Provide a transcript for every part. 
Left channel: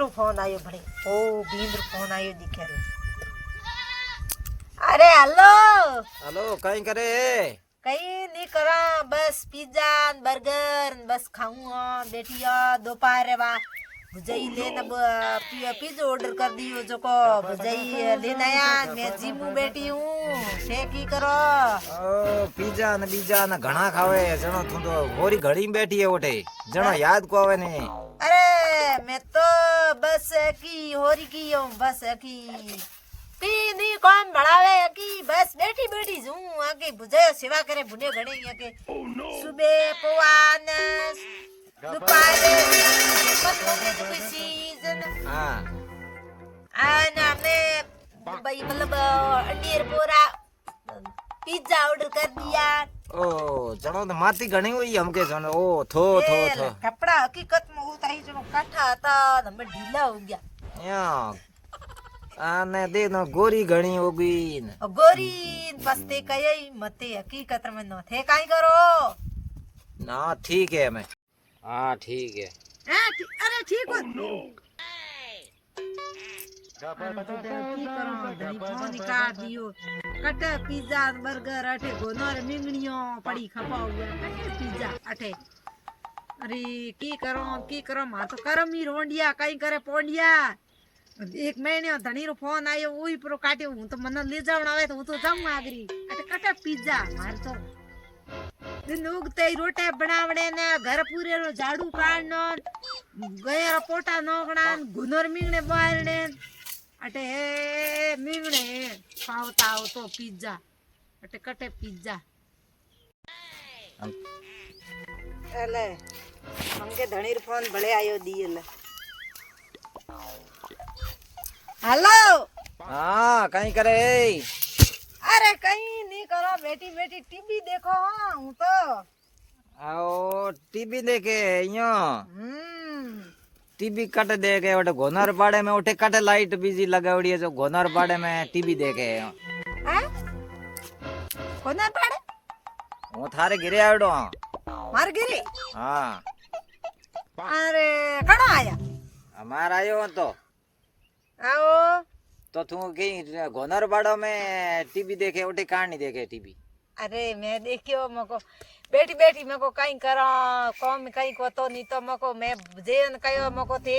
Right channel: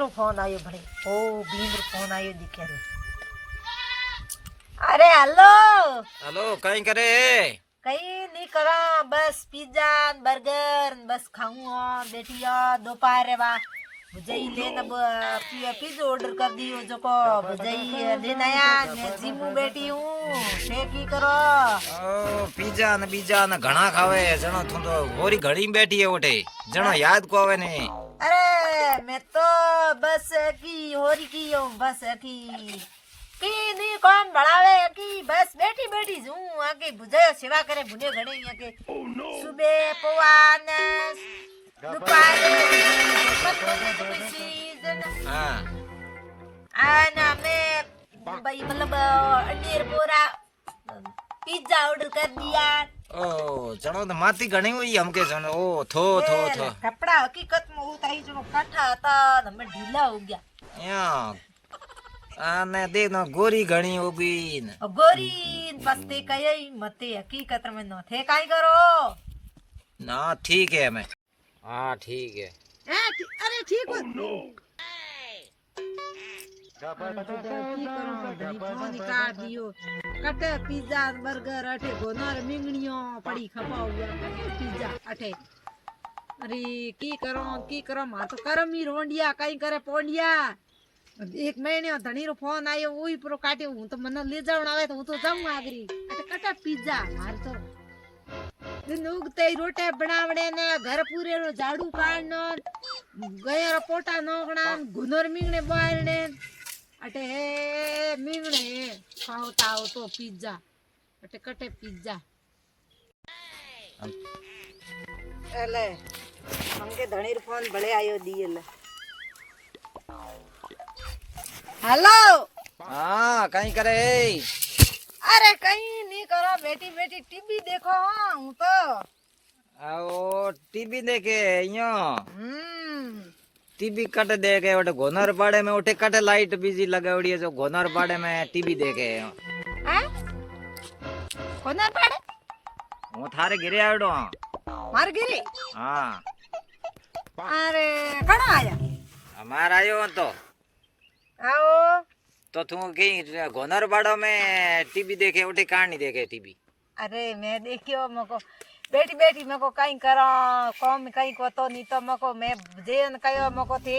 केरो फोन आयो भणे ओ बींद्र फोन आयो दिखे रे। अरे हेलो हेलो कहीं करे कहीं नहीं करा बस पिज्जा बर्गर बस खाऊंगा बैठिया दोपहर बा भुजाई लेना पिज्जा ऑर्डर कर दियो जो को भुजाई लेना आया मैं जिम में बैठी हूँ शेक ही करो। ओ पिज्जा न बीजा न घणा खावे जणो तू तो गोरी घड़ी में बैठी है ओठे जणो याद को आवे ने। अरे मैं तो बस की होरी की हूँ बस की नी काम बढ़ावे की बस बैठी बैठी हूँ आगे बुझायो सेवा करे बुने घणे के सुबह पवान दोपहर सीजन हां आना मैं भाई मतलब अंडीर पूरा पिज्जा ऑर्डर कर दिया। ओ जणो तो माती घणी हुई हमके जणो ओ थो थो थो कपड़ा हकीकत में उताई जणो काठा था हमें ढीला हो गया या आने दे न गोरी घणी होगी गोरी बसते कई मते हकीकत में न थे काई करो ना ठीक है मैं हाँ ठीक है अरे ठीक हो निकाल दियो कट पिज्जा बर्गर अठे गोनर मिंगणियों पड़ी खपा हुआ पिज्जा अठे अरे की करो मार तो करम ही रोंडिया कई करे पोंडिया एक महीने धणी रो फोन आयो वही प्रो काट्यो हूं तो मन ले जावण आवे तो हूं तो जाऊं आगरी अटे कटा पिज्जा मार तो दिन उगते ही रोटे बनावड़े ने घर पूरे रो झाड़ू काढनो गया रो पोटा नोगणा गुनर मिंगणे बारणे अटे मिंगणे खावता हो तो पिज्जा अटे कटे पिज्जा एले हमके धणी रो फोन भले आयो दिएले हेलो हाँ कहीं करे अरे कहीं नहीं करो बेटी बेटी टीवी देखो हाँ हूँ तो आओ टीवी देखे यो टीवी कट देखे उठे घोनर पाड़े में उठे कट लाइट बिजी लगावड़ी है जो घोनर पाड़े में टीवी देखे हैं कोना पड़े वो थारे गिरे आवड़ो मार गिरी हाँ अरे कणो आया हमारा आयो तो आओ तो तू कहीं घोनर पाड़ो में टीवी देखे उठे कहानी देखे टीवी अरे मैं देखियो मको बैठी बैठी मको कहीं करो कौम कहीं को तो नहीं तो मको मैं जेन कयो मको थी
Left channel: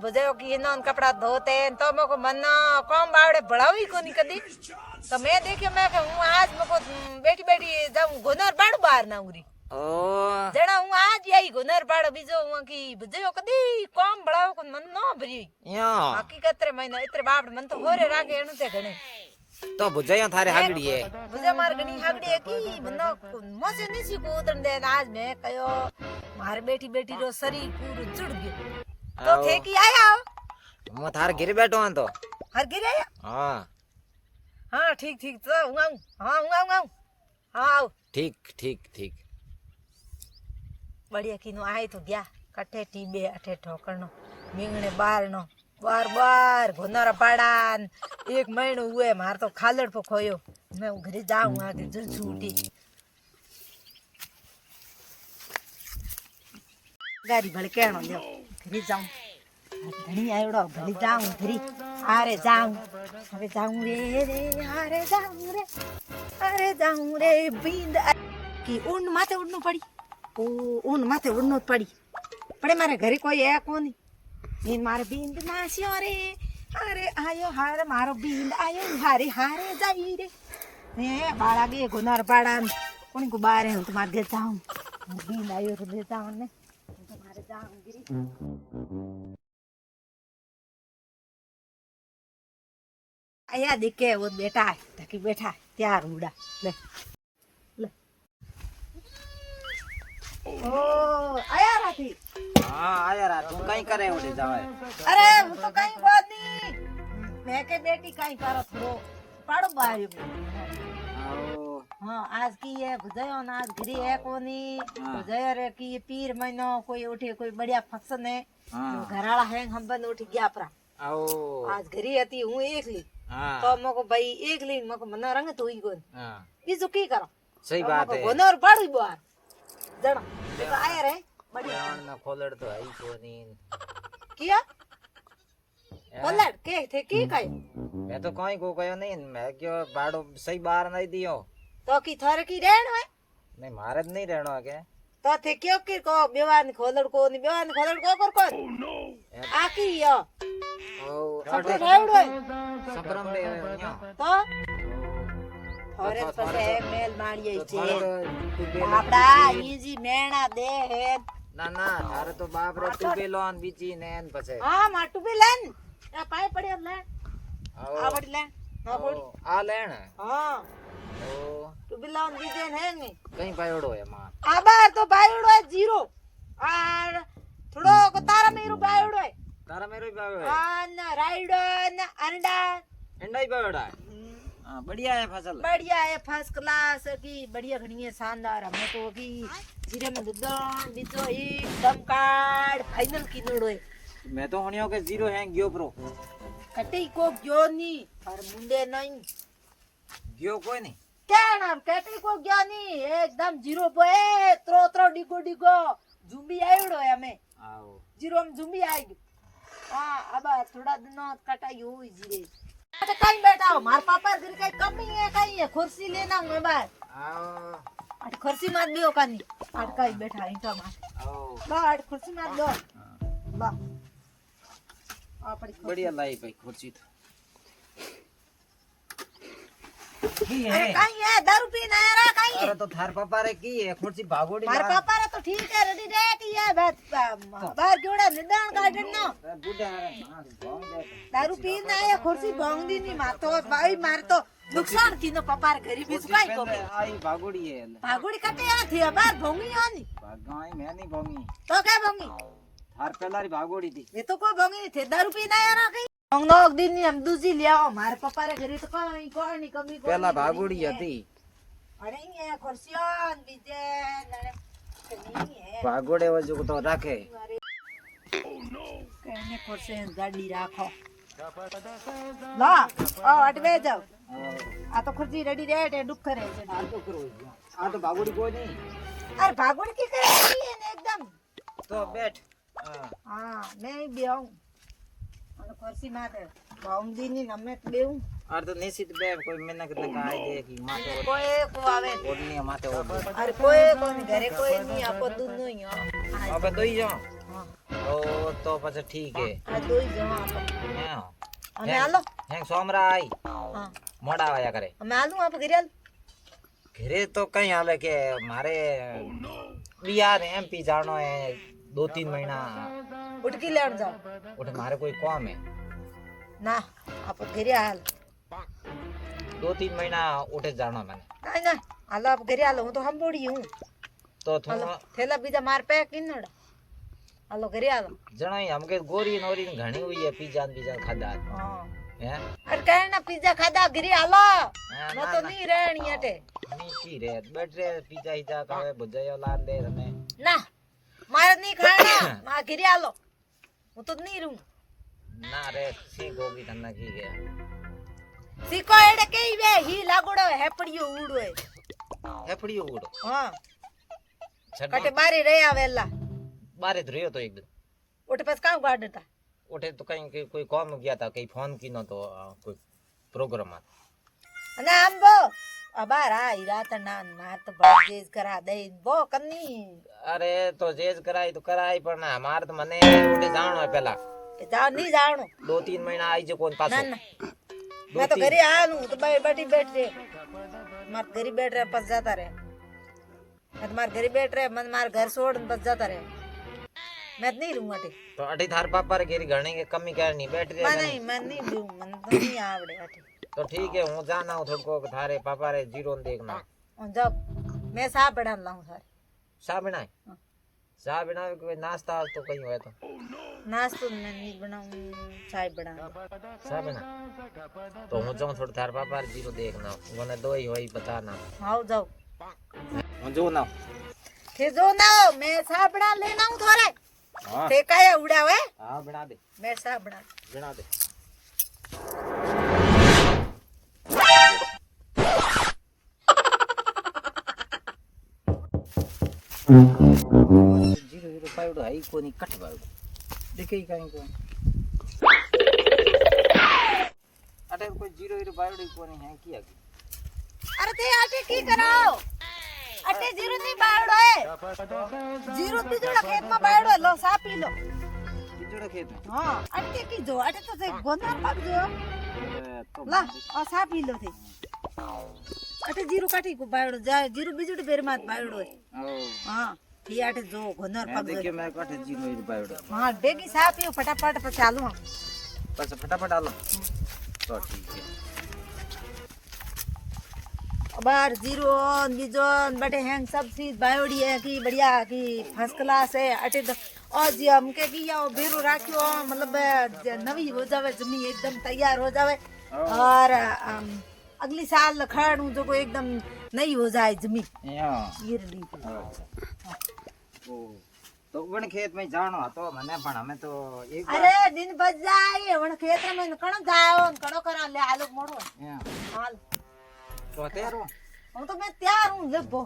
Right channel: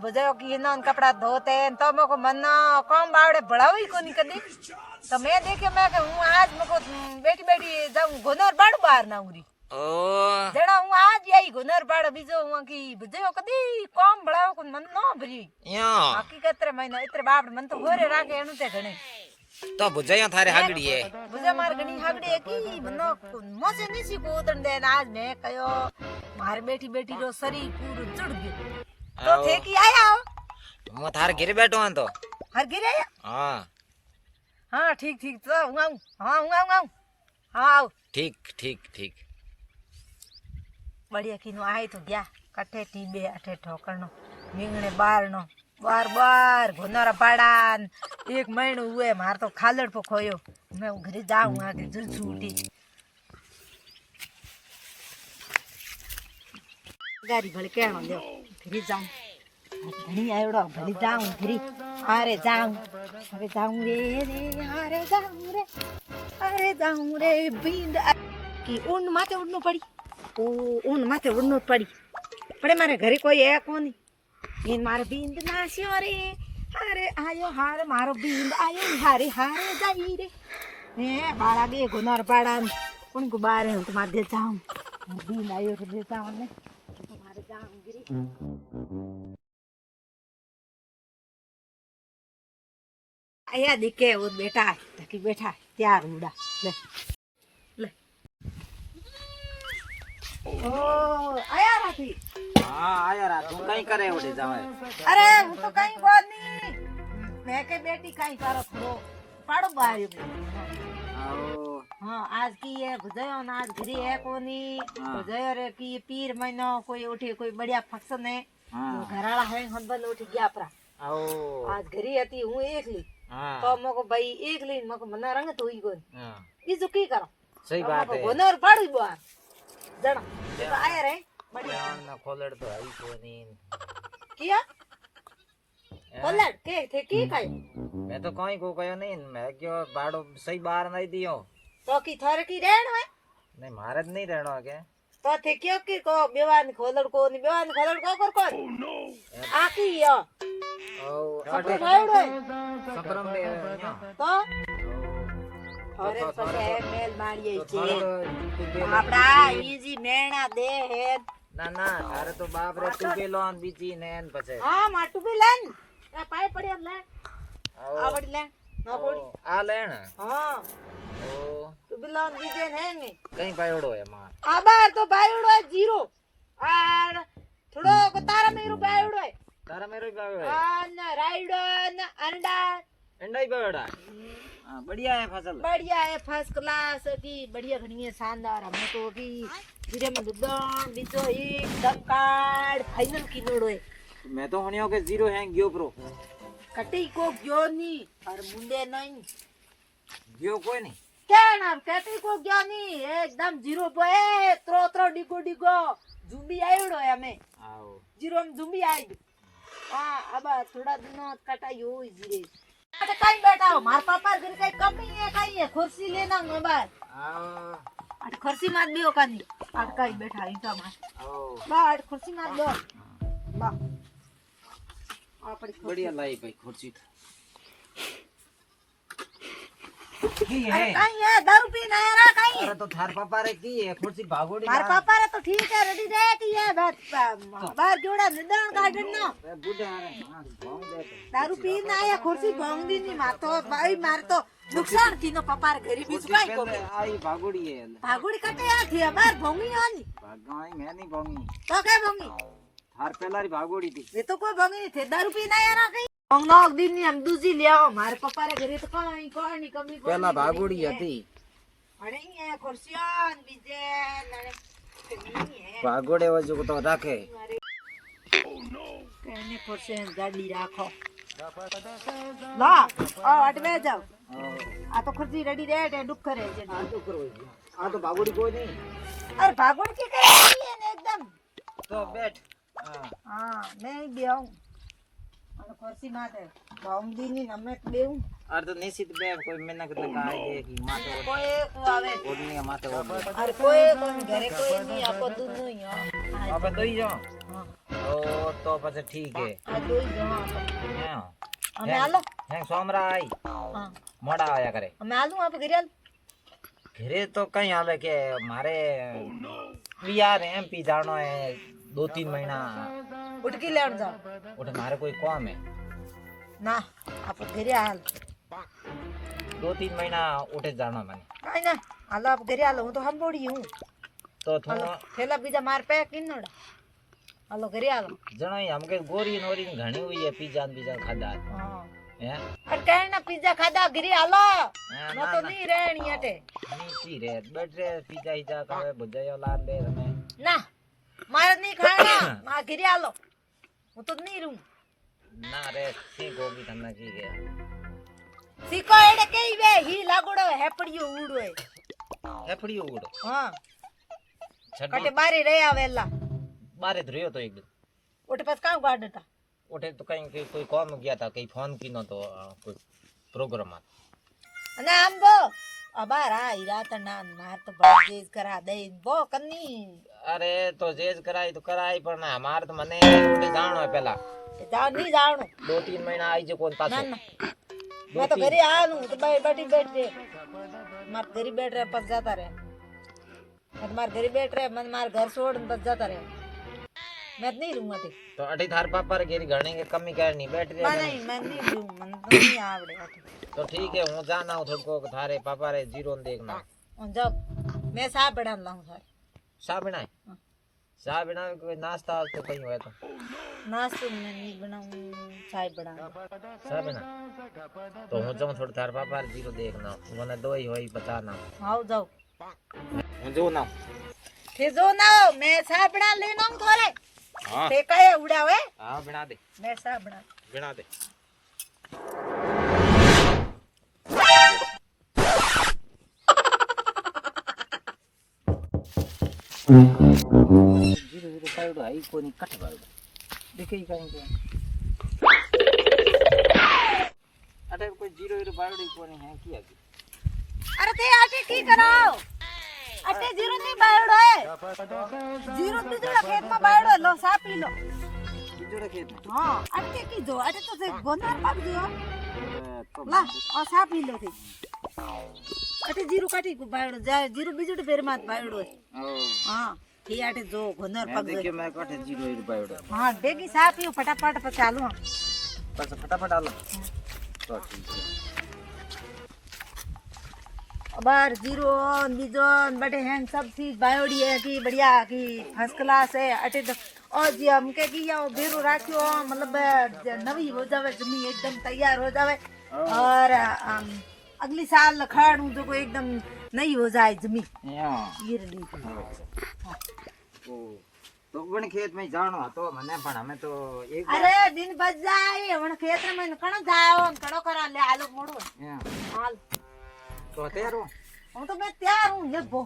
बुझायो कि इन्हों कपड़ा धोते तो मको मन कौम बावड़े बढ़ावी को नहीं कदी तो मैं देखियो मैं हूँ आज मको बैठी बैठी जाऊँ घोनर बाड़ू बाहर ना उरी ओ जड़ा हूँ आज यही घोनर बाड़ बीजो हूँ कि बुझायो कदी कौम बढ़ावो को मन न भरी यो हकीकत रे महीना इतरे बाप मन तो होरे रागे एनु ते घणे तो बुझायो थारे हागड़ी है बुझा मार घणी हागड़ी है की मनो मजे निसी को उतन दे आज मैं कयो मार बैठी बैठी रो शरीर पूरो जुड़ गयो तो थे की आया मैं थारे गिर बैठो हूं तो हर गिरे आया हां हां ठीक ठीक तो हूं आऊं हां हूं आऊं हां आओ ठीक ठीक ठीक बढ़िया की नो आए तो गया कटे टीबे अठे ठोकरनो मिंगणे बारनो बार बार घोनरा पाड़ान एक महीनो हुए मार तो खालड़ पे खोयो मैं घरे जाऊं आगे जल छूटी गाड़ी भले कहनो दो घरे जाऊं घणी आयोड़ो भले जाऊं घरे अरे जाऊं रे जाऊं रे बींद की ऊन माथे उड़नो पड़ी ओ ऊन माथे उड़नो पड़ी पड़े मारे घरे कोई है कोनी इन मारे बींद नास्यो रे हारे आयो हारे मारो बींद आयो हारे हारे जाई रे ने बाड़ा गे गुनार बाड़ा कोन को बारे हूं तुम्हारे घर जाऊं बींद आयो रे जाऊं ने तुम्हारे जाऊं गिरी आया दिखे वो बेटा टकी बैठा त्यार मुड़ा ले ले ओ आया राती हां आया रा तू कहीं करे उठे जावे अरे वो तो कहीं बात नहीं मैं के बेटी कहीं करो थोड़ो पाड़ो बायो आओ हाँ आज की ये गुजयो ना आज घरी है कोनी गुजयो रे की ये पीर महीनो कोई उठे कोई बढ़िया फंक्शन है घराला है हम बंद उठ गया अपरा आओ आज घरी हती हूँ एकली हां तो मको भाई एकली मको मना रंग तो ही कोन हां बीजू की करो सही बात है गोनर पाड़ी बार जण तो आया रे बढ़िया ना खोलड़ तो आई कोनी किया પલટ કે થે કી કઈ मैं तो कहीं को कहो नहीं मैं क्यों बाड़ो सही बार नहीं दियो તો કી થર કી રેણ હોય नहीं मारे तो नहीं रहना के તો થે કયો કી કો બેવાન ખોલડ કો ની બેવાન ખોલડ કો કર કો આ કી યો ओ સપરે રેવડ હોય सफरम दे તો અરે સસે મેલ મારીએ છે ना આપડા ઈજી મેણા દે હે ना अरे तो बाप रे तू के लोन बीची नेन पछे હા માટુ બી લેન એ પાય પડ્યો લે આ પડી લે નો પડી आ लेन હા ओ તું બી લોન દીજે ને હે कहीं पायोड़ो है मां આ બાર તો બાયડો હે જીરો આ થોડો કો તારા મેરું બાયડો હે तारा मेरो ही पायोड़ो है આ ના રાયડો ના અંડા अंडा ही पायोड़ा हां बढ़िया है फसल बढ़िया है फर्स्ट क्लास की बढ़िया घनी है शानदार हमें तो की जीरे में दुदान बीचो एकदम कार्ड फाइनल की नोड़ो है मैं तो होनियो के जीरो है गयो प्रो कटी को गयो नी और मुंडे नहीं गयो कोई नहीं क्या नाम कटी को गयो नी एकदम जीरो पे त्रो त्रो डिगो डिगो जुम्बी आयोड़ो है हमें आओ जीरो में जुम्बी आई हां अब थोड़ा दिनों कटाई हो जीरे अरे कहीं बैठा हो मार पापा घर कहीं कमी है कहीं है कुर्सी लेना बाहर आओ अरे कुर्सी मार लियो कानी अटकाई बैठा ईटा मार आओ बाहर कुर्सी मार लो ला आ पड़ी कुर्सी। बढ़िया लाई भाई खुर्ची की अरे है कहीं है दारू पीना है रा कहीं अरे तो थार पापा रे की है खुर्ची भागोड़ी मार पापा रे तो ठीक है रेडी रेडी है बाहर जोड़ा निदान गार्डन ना बूढ़ा है हां भोंग दे दारू पीना है कुर्सी भोंगदी नहीं मार तो भाई मार तो नुकसान की नो पापा रे गरीबी सुकाई को आई भागोड़ी है भागुड़ी कटे आ थी बाहर भोंगी आनी भागाई मैं नहीं भोंगी तो क्या भोंगी थार पहला भागोड़ी थी वे तो कोई भोंगी नहीं थे दारू पीना है रा कहीं भोंगनो एक दिन नहीं हम दूसरी ले आओ मारे पापा रे घरे तो कोई कोई कमी कोई पहला भागोड़ी હતી अरे ये कुर्सियां बीजे नहीं है ભાગોડે વજુ તો રાખે कहने कुर्सियां गाड़ी राखो ला आ अटवे जाओ आ तो कुर्सी रेडी रेड है दुख करे છે આ તો કરો આ તો ભાગોડી કોઈ નહીં अरे भागोड़ की करी है ने एकदम તો બેઠ હા हां मैं भी आऊं और कुर्सी माथे बाउंडी नहीं हमें बेऊ અરે તો નિશ્ચિત બે કોઈ મહેનત તો આય દેખી માથે कोई को आवे ઓડની માથે ઓડ अरे कोई घरे कोई नहीं आपो दूध नहीं हां હવે દઈ જાઓ हां તો પછી ઠીક હે आ दो ही जमा હા हमें आलो હેંગ સોમરા આઈ हां મોડા આયા કરે हमें आलू आप घरे आल ઘરે તો કઈ હાલે કે મારે બિહાર એમપી જાણો હે 2-3 મહિના उठकी लेन जाओ ઉઠે મારે કોઈ કામ હે ना आप घरे आल 2-3 મહિના ઉઠે જાણો મને नहीं ना आलो आप घरे आलो हूं तो हम बोड़ी हूं તો आलो થોડો थैला बीजा मार पे किनोड़ा आलो घरे आलो જણાઈ हमके गोरी नोरी घणी हुई है पिज्जा बीजा खादा हां हैं अरे कहना पिज्जा खादा घरे आलो हाँ, मैं तो नहीं रहनी हटे नीची रे बैठ रे पिज्जा हिजा करे भुजायो लान दे हमें ना मारे नहीं खाना मां घरे आलो हूं तो नहीं रहूं ना रे सी गोगी તમને की गया सीको एड़े कई वे ही लागोड़ो है पड़ियो उड़ो है ए पड़ी उड़ हां छड़ कटे बारे रे आवेला बारे धरियो तो एक दिन उठ पास काम गाड़ था उठे तो कहीं कोई काम गया था कहीं फोन की न तो कोई प्रोग्राम आ ना हम वो अबार आई रात ना मार तो बाजेज करा दे वो कन्नी अरे तो जेज कराई तो कराई पर ना हमार तो मने उठे जानो है पहला जाओ नहीं जानो 2-3 महीना आई जो कौन ना पासो ना मैं तो घरे आ लूं तो बैठी बैठ रे मार घरे बैठ रहे पस जाता रहे मैं मार घरे बैठ रहे मन मार घर छोड़ पस जाता रहे मैं तो नहीं रहूंगा ठीक तो अठी थार पापा रे घेरी घणे के कमी करनी बैठ मैं गए नहीं मैं नहीं रहूं मन तो नहीं आवड़े अठी तो ठीक है हूं जाना हूं थोड़को थारे पापा रे जीरो देखना और जब मैं साहब बड़ा लाऊं सर सा बनाए हाँ। सा बना कोई नाश्ता तो कहीं हुआ तो नाश्तो मैं नहीं बनाऊं चाय बना सा बना तो हूं जाऊं थोड़ा थार पापा रे जीरो देखना वने दो ही होई बताना आओ जाओ हूं जो ना थे जो ना मैं साहब बना लेना हूं थोड़े हां ते काया उड़ा हुए हां बना दे मैं साहब बना बना दे जीरो जीरो पाइडो हाई कोनी कट बायो देखे ही कहीं को वटे कोई जीरो हीरो बावड़ी कोनी है की आगे अरे ते आटे की कराओ अटे जीरो नहीं बायड़ो है जीरो बीजड़ा खेत में बायड़ो है, लो साफ पी लो बीजड़ा खेत में हां अटे की जो अटे तो से गोंदर पाक जो तो ला और साफ पी लो थे अटे जीरो काटी को बायड़ो जाए जीरो बीजड़ा बेर मात बायड़ो है ओ हां ये आटे जो गोंदर मैं पाक देखियो मैं कोठे जीरो हीरो बावड़ी हां डेगी साफ पी फटाफट पे चालू बस फटाफट आलो तो ठीक है बार जीरो बीजो बड़े हैं सब चीज बायोडी है की बढ़िया की फर्स्ट क्लास है अटे तो और जी हम के की या बेरो राखियो मतलब नवी हो जावे जमी एकदम तैयार हो जावे और अगली साल खाणू जो को एकदम नई हो जाए जमी या गिरली ओ तो वन खेत में जानो तो मने पण हमें तो एक अरे दिन बच जाए वण खेत में कण जाओ कड़ो करा ले आलो मोड़ो या हाल तो तैयार हो હું તો મેં તૈયાર હું લેબો